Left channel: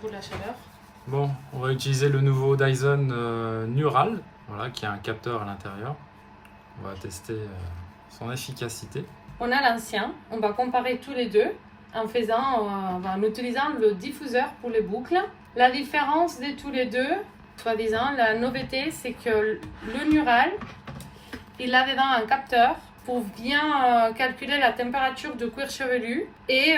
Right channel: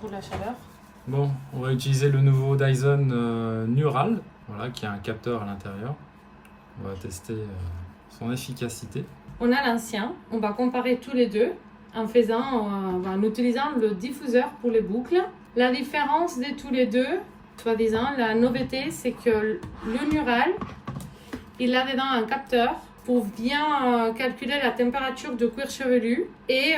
pour la chaleur. Bon, on va utiliser le nouveau Dyson Neural, voilà, qui a un capteur à l'intérieur. On va tester son efficacité. On a l'ancien, on va comparer tous les deux en utilisant le diffuseur pour les boucles. La différence de tous les deux, soi-disant, la nouveauté, c'est que le Neural, il a dedans un capteur pour bien calculer la température du cuir chevelu et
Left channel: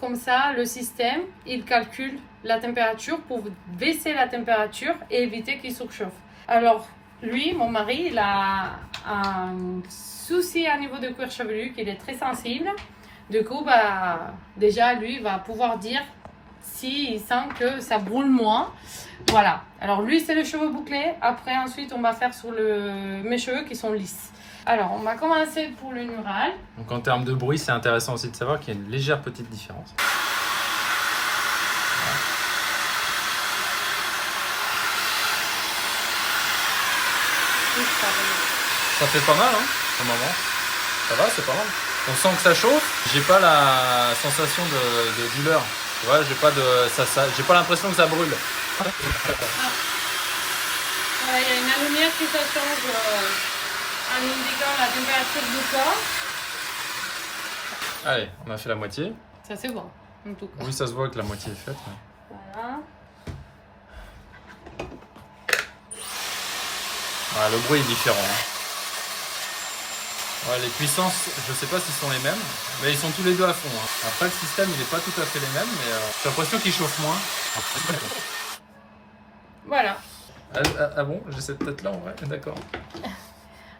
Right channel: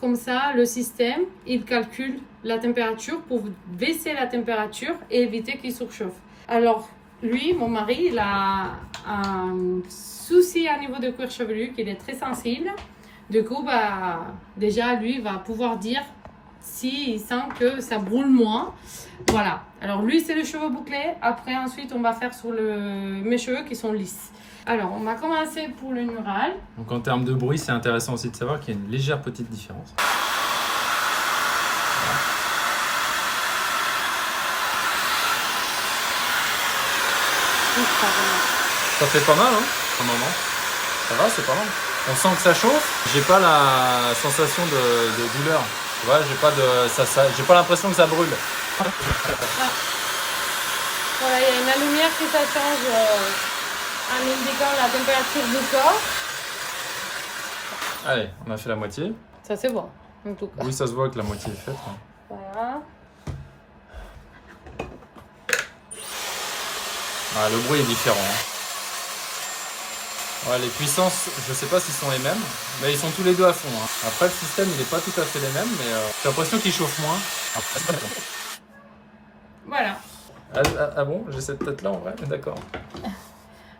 comme ça, le système, il calcule la température pour baisser la température et éviter qu'il surchauffe. Alors, lui, mon mari, il a un souci à niveau de cuir chevelu qu'il est très sensible. Du coup, déjà, lui, va pouvoir dire s'il sent que ça brûle moins. Voilà. Alors, lui, c'est le cheveu bouclé. Après, ensuite, on va faire sur mes cheveux qui sont lisses. Alors, on va commencer pour le Neural. Donc, en termes de bruit, c'est intéressant aussi de savoir qu'il y a une légère petite différence. Ça fait pas mal, hein, au moment. Ça va, c'est pas mal. On sent que ça chauffe. J'ai pas la sensation de douleur. Tu vois, j'ai pas l'impression que ça brûle. Il y a une lumière qui ça change en indiquant la température du corps. Allez, on a fait la moitié. Ça c'est bon, en tout cas. Oui, ça se voit que la moitié est faite. Voilà. Ah, le bruit est différent. Hein. Ouais, les puissances, je sais pas s'ils sont les mêmes, mais ils sont tous les deux à fond. Hein. Après, le système, il n'est pas tout à fait les mêmes, mais j'ai l'impression qu'il chauffe moins. Voilà. Ah bon, j'ai cette tête-là en vrai, d'accord.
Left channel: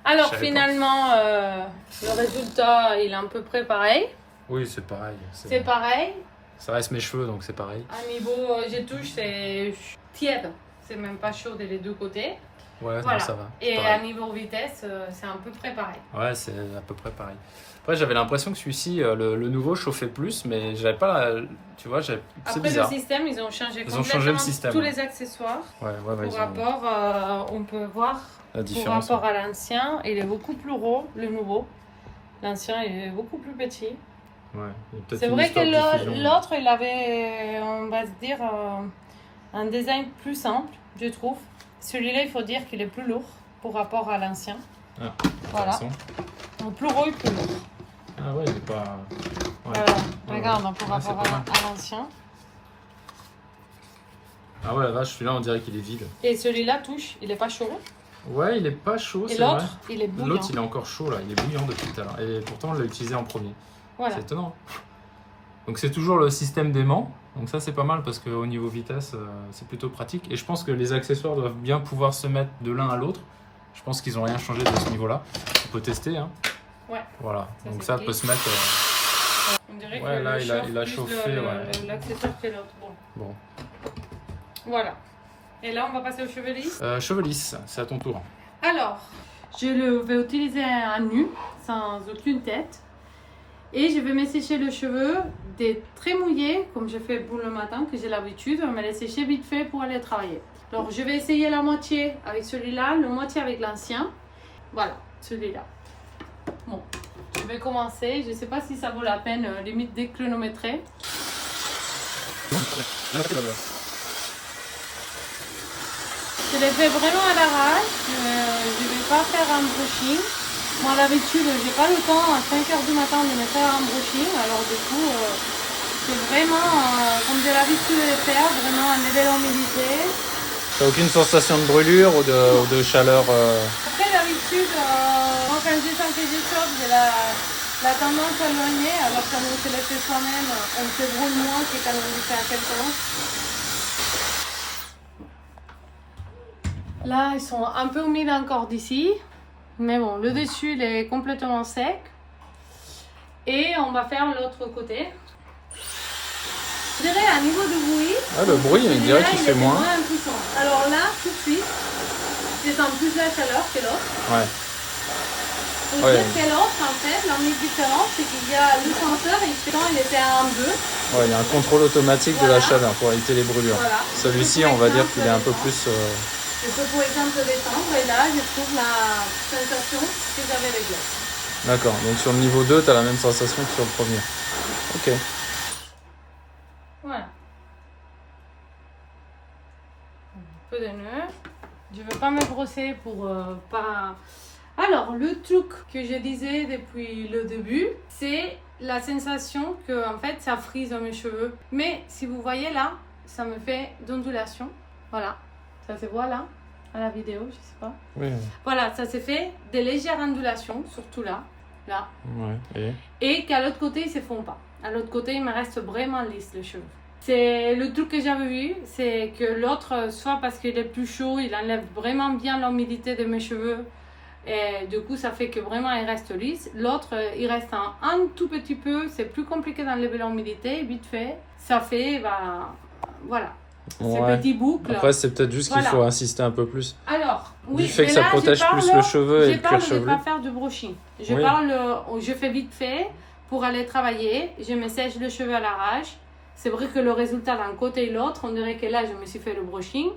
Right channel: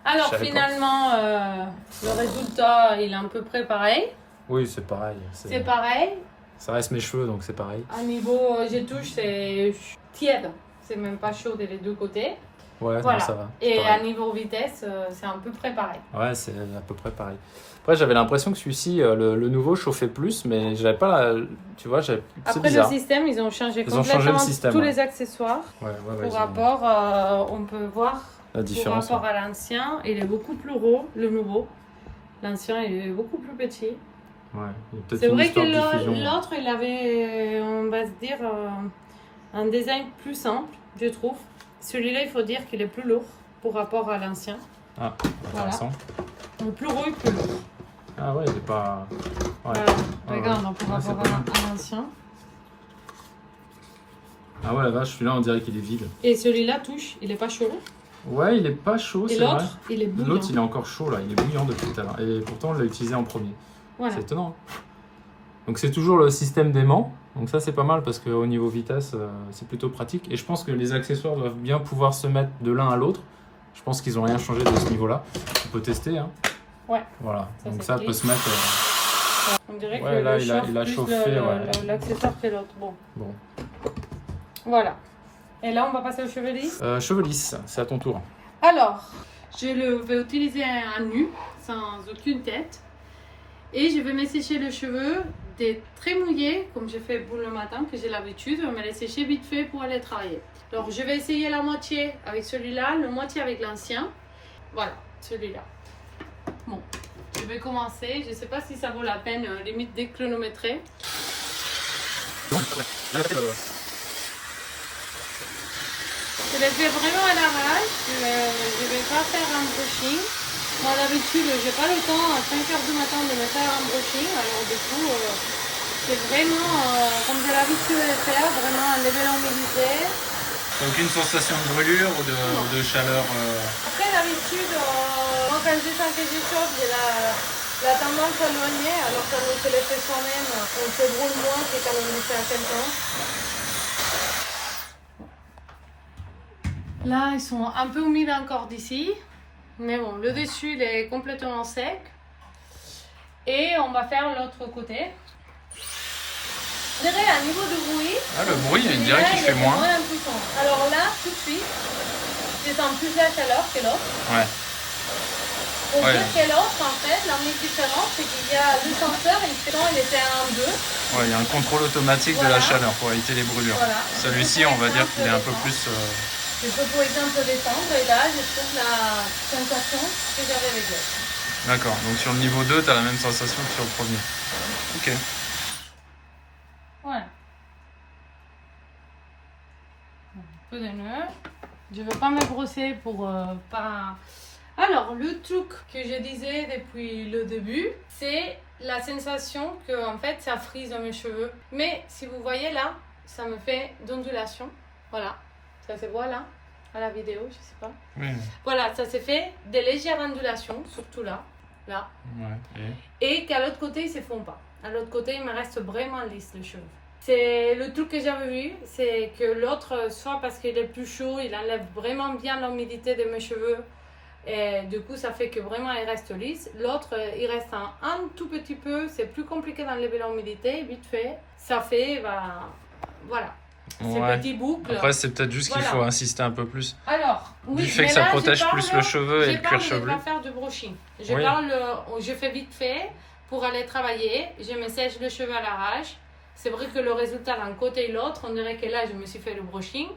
Alors finalement, le résultat, il est à peu près pareil. Oui, c'est pareil. C'est pareil. Ça reste mes cheveux, donc c'est pareil. À niveau touche, c'est tiède. C'est même pas chaud des deux côtés. Ouais, voilà. Non, ça va. Et pareil. à niveau vitesse, c'est à peu près pareil. Ouais, c'est à peu près pareil. Après, j'avais l'impression que celui-ci, le nouveau, chauffait plus, mais j'avais pas la... Tu vois, c'est bizarre. Après le système, ils ont changé le système, tous les accessoires. Ouais, pour rapport, on peut voir la différence. Par rapport à l'ancien, il est beaucoup plus gros, le nouveau. L'ancien, il est beaucoup plus petit. Ouais, c'est vrai que l'autre, il avait, on va se dire, un design plus simple, je trouve. Celui-là, il faut dire qu'il est plus lourd par rapport à l'ancien. Ah, intéressant. Voilà. Le plus gros et plus lourd. Ah ouais, il est pas... Ouais. Regarde, par rapport à l'ancien. Ah ouais, la vache, celui-là, on dirait qu'il est vide. Et celui-là, touche, il est pas chaud. Ouais, il est pas chaud, c'est vrai. Il est bouillant. L'autre, il est encore chaud, là. Il est bouillant depuis tout à l'heure. Et pourtant, on l'a utilisé en premier. Voilà. C'est étonnant. Donc, c'est toujours le système d'aimant. Donc ça, c'est pas mal parce qu'au niveau vitesse, c'est plutôt pratique. Et je pense que les accessoires doivent bien pouvoir se mettre de l'un à l'autre. Je pense qu'ils n'ont rien changé de ce niveau-là. On peut tester, hein. Ouais. Voilà. Donc ça peut se mettre... On dirait ouais, que là, il a chauffé, l'accessoire que l'autre. Bon. Voilà. Et là, on va passer aux cheveux lisses. Cheveux lisses, c'est à ton tour. Alors, je vais utiliser un nu, sans aucune tête. Et je vais me sécher le cheveu des très mouillés, comme j'ai fait pour le matin, que j'ai l'habitude. Je vais me les sécher vite fait pour aller travailler. Donc, je vais essayer la moitié avec celui-là, la moitié avec l'ancien. Voilà, celui-là. Bon, je vais commencer. Je ne sais pas si ça vaut la peine, limite déchronométrer. Je le fais vraiment à l'arrache, je ne vais pas faire un brushing. Moi, à l'habitude, je n'ai pas le temps à 5h du matin de me faire un brushing. Alors, du coup, c'est vraiment, comme j'ai l'habitude de le faire, vraiment enlever l'humidité. T'as aucune sensation de brûlure ou de chaleur Après, d'habitude, moi, quand je sens que je chauffe, j'ai la tendance à éloigner. Alors, quand on se le fait soi-même, on se brûle moins que quand on le fait à quelqu'un. Là, ils sont un peu humides encore d'ici. Mais bon, le dessus, il est complètement sec. Et on va faire l'autre côté. Je dirais à niveau du bruit. Ah, le bruit, il dirait qu'il fait moins. Alors là, tout de suite, je sens plus la chaleur que l'autre. Ouais. Le truc que l'autre, en fait, l'unique différence, c'est qu'il y a le senseur et il était à 1,2. Ouais, il y a un contrôle automatique de la chaleur pour éviter les brûlures. Voilà. Celui-ci, on va dire qu'il est un peu plus... Je peux pour exemple descendre et là, je trouve la sensation que j'avais avec l'autre. D'accord, donc sur le niveau 2, tu as la même sensation que sur le premier. Ok. Voilà. peu de nœuds. Je ne veux pas me brosser pour pas... Alors, le truc que je disais depuis le début, c'est la sensation que en fait, ça frise dans mes cheveux. Mais si vous voyez là, ça me fait d'ondulation. Voilà, ça se voit là, à la vidéo, je sais pas. Oui. Voilà, ça s'est fait des légères ondulations, surtout là. Là. Ouais. Et qu'à l'autre côté, ils ne se font pas. À l'autre côté, il me reste vraiment lisse les cheveux. C'est le truc que j'avais vu, c'est que l'autre, soit parce qu'il est plus chaud, il enlève vraiment bien l'humidité de mes cheveux. Et du coup, ça fait que vraiment, il reste lisse. L'autre, il reste un tout petit peu. C'est plus compliqué d'enlever l'humidité, vite fait. Ça fait, voilà. Ouais. Ces petits boucles. Après, c'est peut-être juste qu'il Voilà. faut insister un peu plus. Alors, oui, Du fait mais que ça là, protège plus le cheveu et le cuir Je chevelu. ne vais pas faire du brushing. Je fais vite fait pour aller travailler. Je me sèche le cheveu à l'arrache. C'est vrai que le résultat d'un côté et l'autre, on dirait que là, je me suis fait le brushing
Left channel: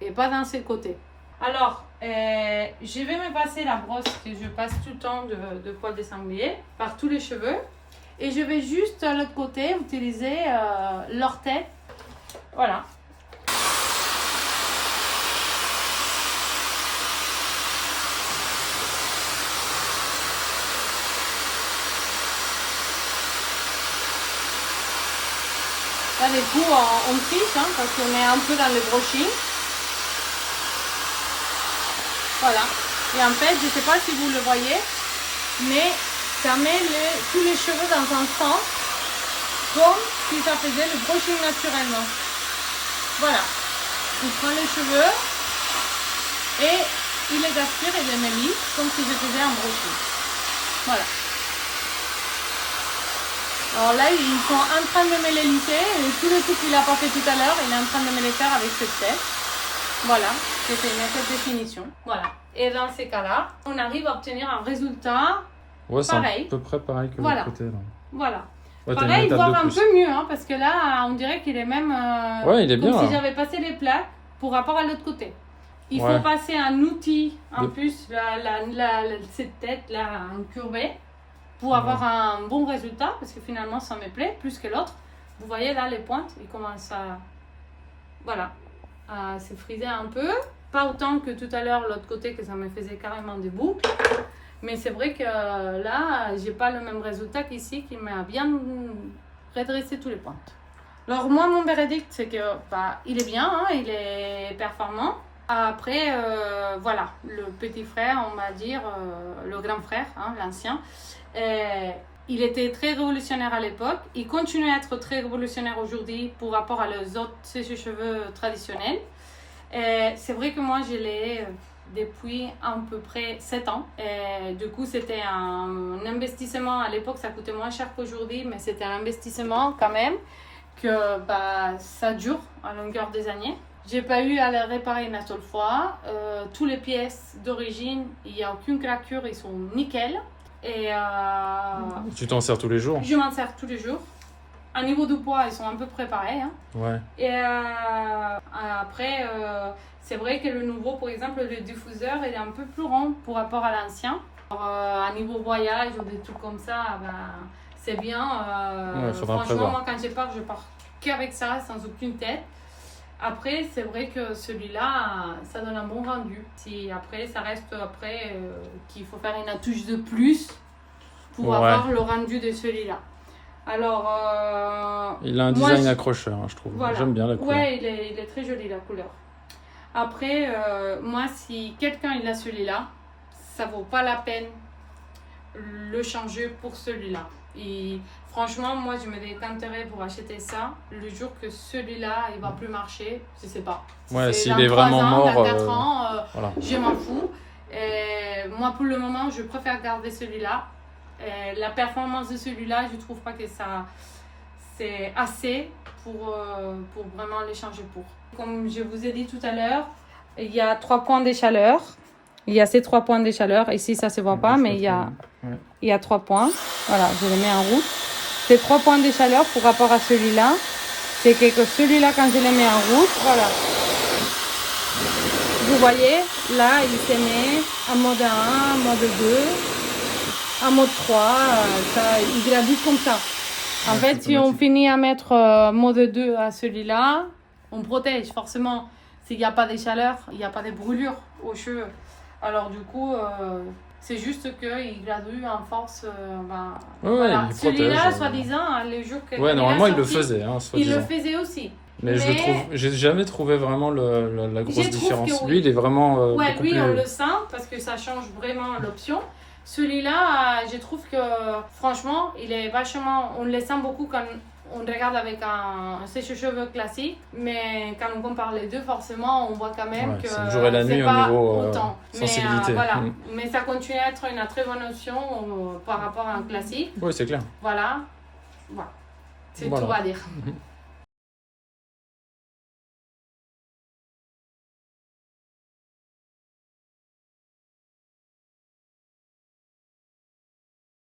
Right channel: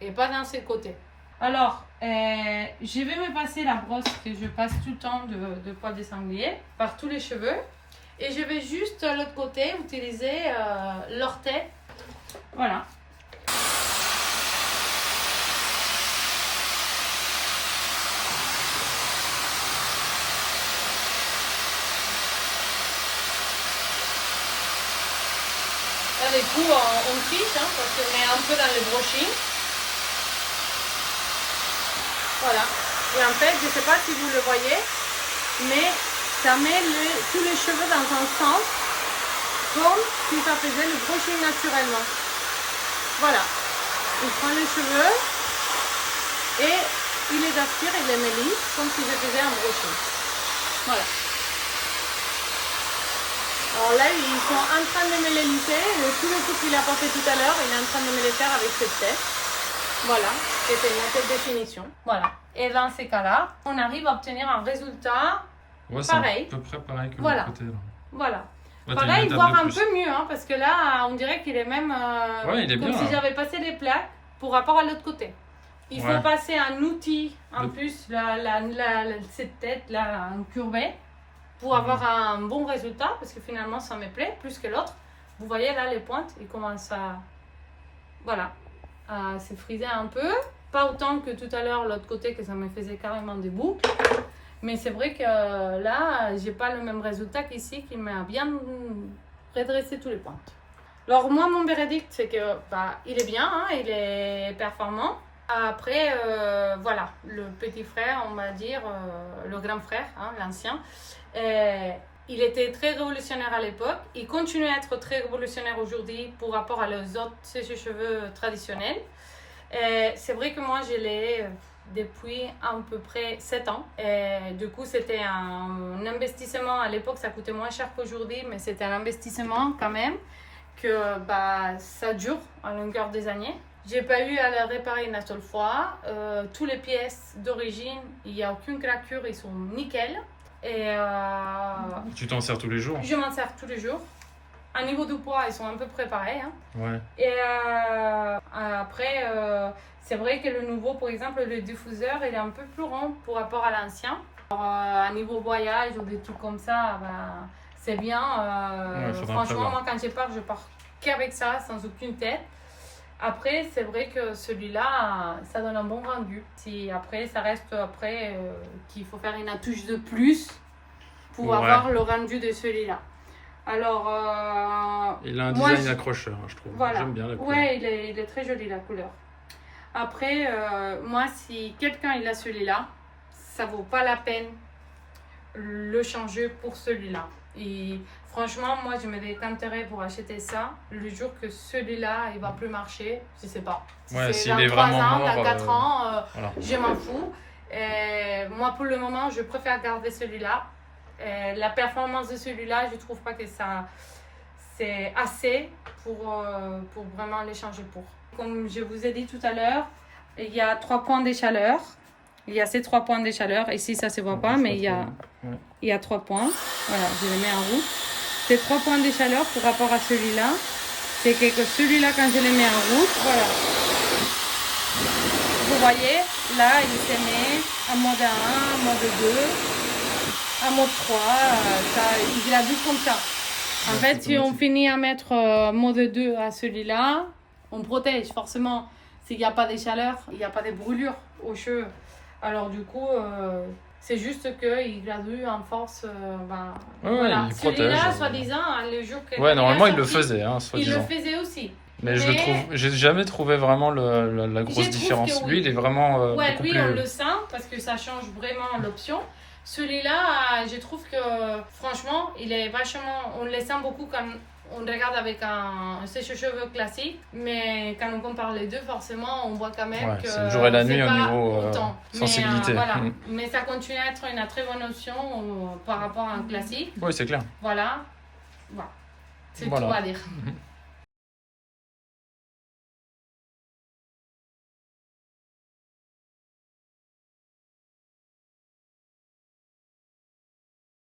et pas dans ces côtés. Alors, je vais me passer la brosse que je passe tout le temps de poil de sanglier par tous les cheveux. Et je vais juste à l'autre côté utiliser l'orteil. Voilà. Là, du coup, on triche parce qu'on est un peu dans le brushing. Voilà. Et en fait, je ne sais pas si vous le voyez, mais ça met tous les cheveux dans un sens, comme si ça faisait le brushing naturellement. Voilà. Il prend les cheveux et il les aspire et les met lisses, comme si je faisais un brushing. Voilà. Alors là, ils sont en train de me les lisser et tous les trucs qu'il a pas fait tout à l'heure, il est en train de me les faire avec cette tête. Voilà, c'était bien cette définition. Voilà. Et dans ces cas-là, on arrive à obtenir un résultat pareil. C'est à peu près pareil que Voilà. l'autre côté. Là. Voilà. Ouais, Pareil, voire un peu mieux, parce que là, on dirait qu'il est même ouais, il est comme bien, si j'avais passé les plaques pour rapport à l'autre côté. Il faut passer un outil, en plus, cette tête-là, incurvée, pour avoir un bon résultat, parce que finalement, ça me plaît plus que l'autre. Vous voyez là, les pointes, ils commencent à... Voilà. À se friser un peu. Pas autant que tout à l'heure, l'autre côté, que ça me faisait carrément des boucles. Mais c'est vrai que là, j'ai pas le même résultat qu'ici, qui m'a bien redressé tous les pointes. Alors moi, mon verdict, c'est que il est bien, il est performant. Après, voilà, le petit frère, on va dire, le grand frère, l'ancien, il était très révolutionnaire à l'époque. Il continue à être très révolutionnaire aujourd'hui par rapport à les autres sèche-cheveux traditionnels. C'est vrai que moi, je l'ai depuis à peu près 7 ans. Et du coup, c'était un investissement. À l'époque, ça coûtait moins cher qu'aujourd'hui, mais c'était un investissement quand même que ça dure à longueur des années. J'ai pas eu à le réparer une seule fois. Toutes les pièces d'origine, il n'y a aucune craquure, ils sont nickel. Et tu t'en sers tous les jours? Je m'en sers tous les jours. À niveau du poids, ils sont à peu près pareils. Ouais. Et après, c'est vrai que le nouveau, par exemple, le diffuseur, il est un peu plus rond par rapport à l'ancien. À niveau voyage ou des trucs comme ça, c'est bien. Franchement, moi, quand je pars qu'avec ça, sans aucune tête. Après, c'est vrai que celui-là, ça donne un bon rendu. Après, ça reste qu'il faut faire une touche de plus pour avoir le rendu de celui-là. Alors, il a un design accrocheur, je trouve. Voilà. J'aime bien la couleur. Ouais, il est très joli la couleur. Après, moi, si quelqu'un il a celui-là, ça vaut pas la peine le changer pour celui-là. Et franchement, moi, je me décanterais pour acheter ça le jour que celui-là, il va plus marcher. Je sais pas. Ouais, s'il est vraiment mort. Dans 4 ans, voilà. Je m'en fous. Et moi, pour le moment, je préfère garder celui-là. Et la performance de celui-là, je trouve pas que ça c'est assez pour vraiment les changer pour. Comme je vous ai dit tout à l'heure, il y a 3 points de chaleur. Il y a ces 3 points de chaleur. Ici, ça se voit pas, mais il y a 3 points. Voilà, je les mets en route. Ces 3 points de chaleur par rapport à celui-là, c'est que celui-là, quand je les mets en route, voilà. Vous voyez, là, il se met en mode 1, en mode 2, en mode 3. Il gravit comme ça. En fait, si on finit à mettre mode 2 à celui-là, on protège forcément s'il n'y a pas de chaleur, il n'y a pas de brûlure aux cheveux. Alors du coup, c'est juste qu'il gradue en force. Voilà. il protège. Celui-là, soi-disant, les jours que Ouais, normalement, il le sorti, faisait, hein, il soi-disant. le faisait aussi. Mais j'ai jamais trouvé vraiment la grosse différence. Que oui. Lui, il est vraiment Ouais, beaucoup lui, plus... on le sent parce que ça change vraiment l'option. Celui-là, je trouve que franchement, il est vachement. On le sent beaucoup quand on regarde avec un sèche-cheveux classique, mais quand on compare les deux, forcément, on voit quand même que c'est le jour et la nuit au pas niveau autant. sensibilité. Mais, voilà. Mais ça continue à être une très bonne option par rapport à un classique. Oui, c'est clair. Voilà. C'est Voilà. tout à dire.